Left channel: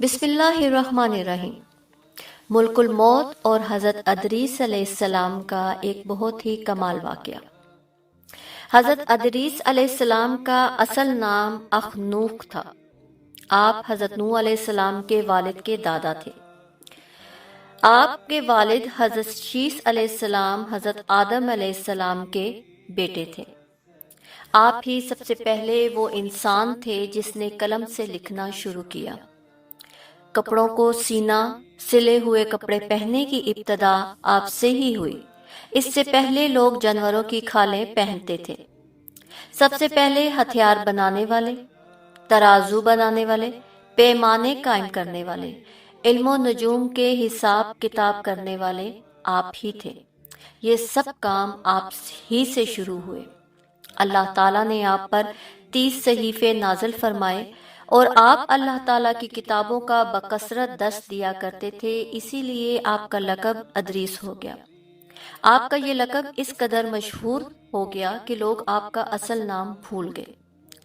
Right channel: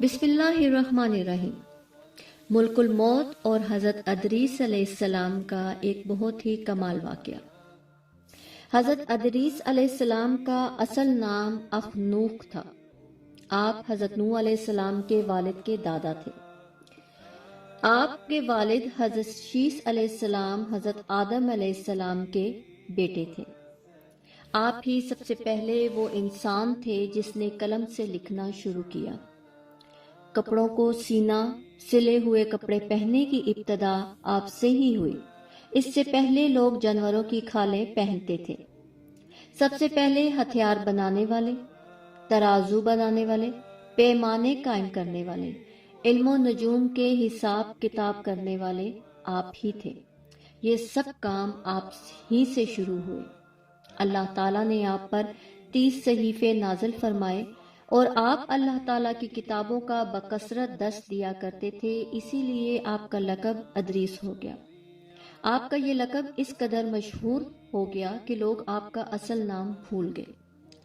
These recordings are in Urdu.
بسم اللہ الرحمن الرحیم۔ ملک الموت اور حضرت ادریس علیہ السلام کا ایک بہت ہی کمال واقعہ۔ حضرت ادریس علیہ السلام کا اصل نام اخنوخ تھا۔ آپ حضرت نوح علیہ السلام کے والد کے دادا تھے۔ آپ کے والد حضرت شیس علیہ السلام حضرت آدم علیہ السلام کے بیٹے تھے۔ آپ ہی سب سے پہلے وہ انسان تھے جس نے قلم سے لکھنا شروع کیا۔ کپڑوں کو سینا، سلے ہوئے کپڑے پہننے کی ابتدا آپ سے ہی ہوئی۔ اس سے پہلے لوگ جانوروں کی کھالیں پہنتے تھے۔ سب سے پہلے ہتھیار بنانے والے، ترازو بنانے والے، پیمانے قائم کرنے والے، علم و نجوم کے حساب کتاب کرنے والے آپ ہی تھے۔ یہ سب کام آپ ہی سے شروع ہوئے۔ اللہ تعالیٰ نے آپ پر 30 صحیفے نازل فرمائے اور آپ اللہ تعالیٰ کی کتابوں کا بکثرت درس دیا کرتے تھے، اسی لیے آپ کا لقب ادریس ہو گیا۔ آپ کا یہ لقب اس قدر مشہور ہو گیا کہ لوگ آپ کا اصل نام بھول گئے۔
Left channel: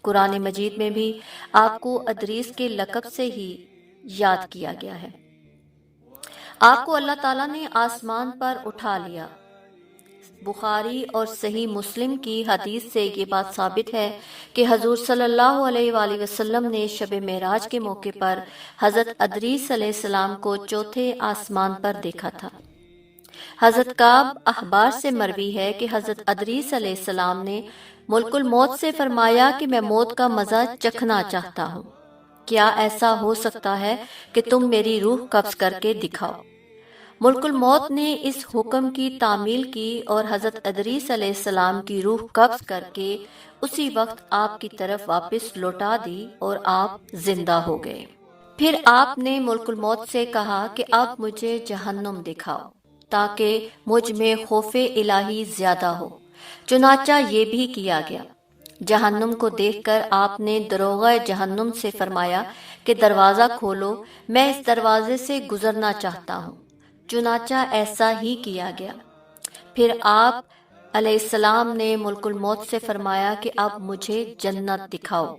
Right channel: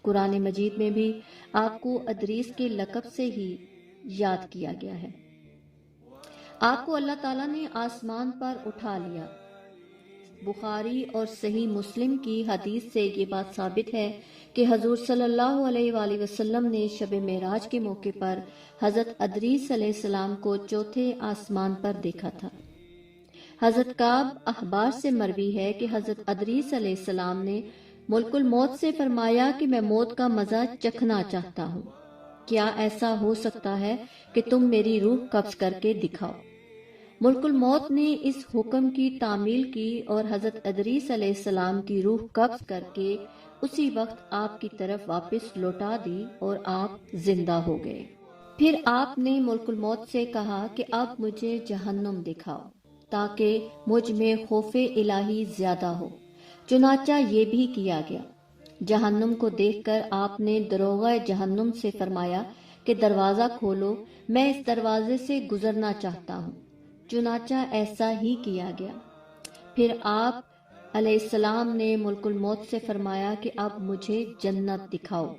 قرآن مجید میں بھی آپ کو ادریس کے لقب سے ہی یاد کیا گیا ہے۔ آپ کو اللہ تعالیٰ نے آسمان پر اٹھا لیا۔ بخاری اور صحیح مسلم کی حدیث سے یہ بات ثابت ہے کہ حضور صلی اللہ علیہ وآلہ وسلم نے شب معراج کے موقع پر حضرت ادریس علیہ السلام کو چوتھے آسمان پر دیکھا تھا۔ حضرت کعب احبار سے مروی ہے کہ حضرت ادریس علیہ السلام نے ملک الموت سے فرمایا کہ میں موت کا مزہ چکھنا چاہتا ہوں، کیا ایسا ہو سکتا ہے کہ تم میری روح قبض کر کے دکھاؤ؟ ملک الموت نے اس حکم کی تعمیل کی اور حضرت ادریس علیہ السلام کی روح قبض کر کے اسی وقت آپ کی طرف واپس لوٹا دی اور آپ زندہ ہو گئے۔ پھر آپ نے ملک الموت سے کہا کہ اب مجھے جہنم دکھاؤ تاکہ مجھ میں خوف الہی زیادہ ہو۔ چنانچہ یہ بھی کیا گیا۔ جہنم کو دیکھ کر آپ نے دروغہ جہنم سے فرمایا کہ دروازہ کھولو، میں اس دروازے سے گزرنا چاہتا ہوں۔ چنانچہ ایسا ہی کیا گیا۔ پھر آپ علیہ السلام نے ملک الموت سے فرمایا کہ اب مجھے جنت دکھاؤ۔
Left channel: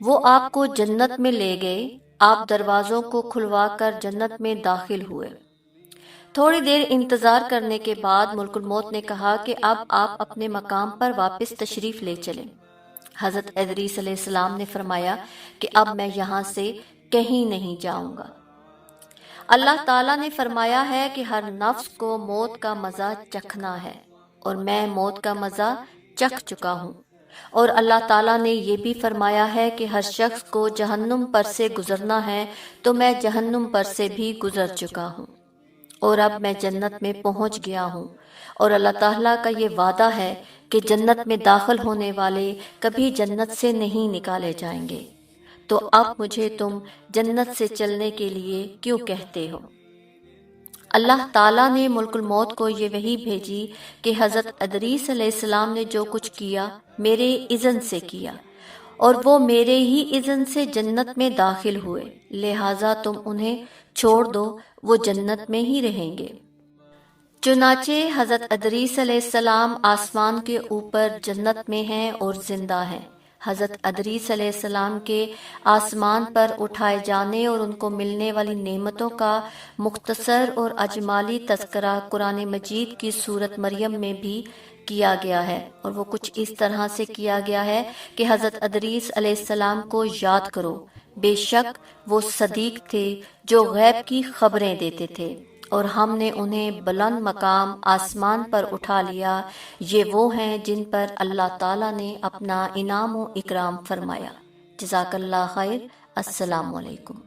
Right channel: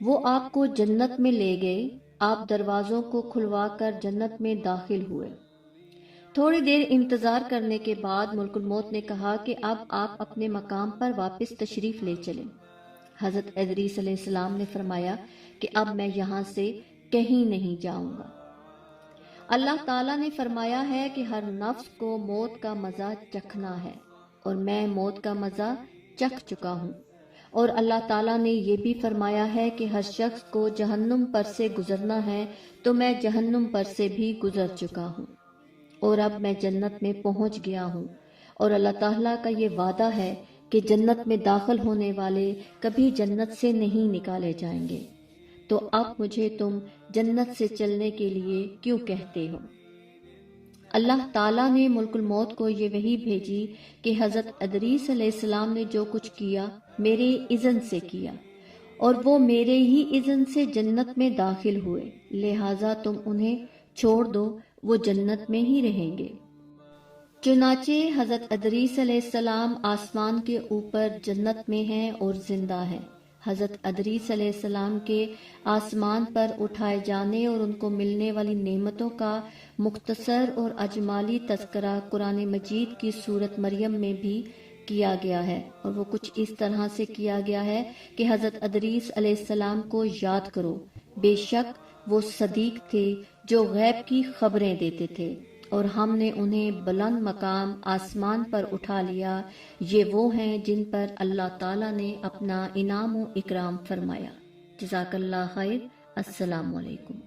وہ آپ کو جنت میں لے گئے۔ آپ دروازوں کو کھلوا کر جنت میں داخل ہوئے۔ تھوڑی دیر انتظار کرنے کے بعد ملک الموت نے کہا کہ اب آپ اپنے مقام پر واپس تشریف لے چلیں۔ حضرت ادریس علیہ السلام نے فرمایا کہ اب میں یہاں سے کہیں نہیں جاؤں گا۔ اللہ تعالیٰ نے فرمایا ہے کہ ہر نفس کو موت کا مزہ چکھنا ہے اور میں موت کا مزہ چکھ چکا ہوں، اور اللہ تعالیٰ نے یہ بھی فرمایا ہے کہ ہر شخص کو جہنم پر سے گزرنا ہے، تو میں جہنم پر سے بھی گزر چکا ہوں اور اب میں جنت میں پہنچ گیا ہوں، اور اللہ تعالیٰ کا یہ وعدہ ہے کہ جنت میں داخل ہونے والے کبھی جنت سے نہیں نکالے جائیں گے۔ تو اب مجھے تم جنت سے چلنے کے لیے کیوں کہتے ہو؟ اللہ تعالیٰ نے ملک الموت کو یہ وحی بھیجی کہ حضرت ادریس علیہ السلام نے جو کچھ کیا میرے اذن سے کیا، اور وہ میرے ہی اذن سے جنت میں داخل ہوئے، لہٰذا تم انہیں چھوڑ دو، وہ جنت میں ہی رہیں گے۔ چنانچہ حضرت ادریس علیہ السلام آسمان کے اوپر جنت میں ہیں اور زندہ ہیں۔ حضرت ادریس علیہ السلام کے آسمان پر اٹھائے جانے اور ان کو ملنے والی نعمتوں کا مختصر اور اجمالی تذکرہ قرآن مجید کی سورت مریم میں بھی کیا گیا ہے، اور وہ کچھ اس طرح سے کیا گیا ہے کہ حضرت ادریس علیہ السلام کو یاد کرو، بے شک وہ صدیق تھے جو غیب کی خبریں دیتے تھے، اور ہم نے انہیں بلند مقام آسمان پر اٹھا لیا۔ یہ وہ ہیں جن پر اللہ تعالیٰ نے اپنا انعام و اکرام فرمایا۔ جزاک اللہ خیر۔ السلام علیکم۔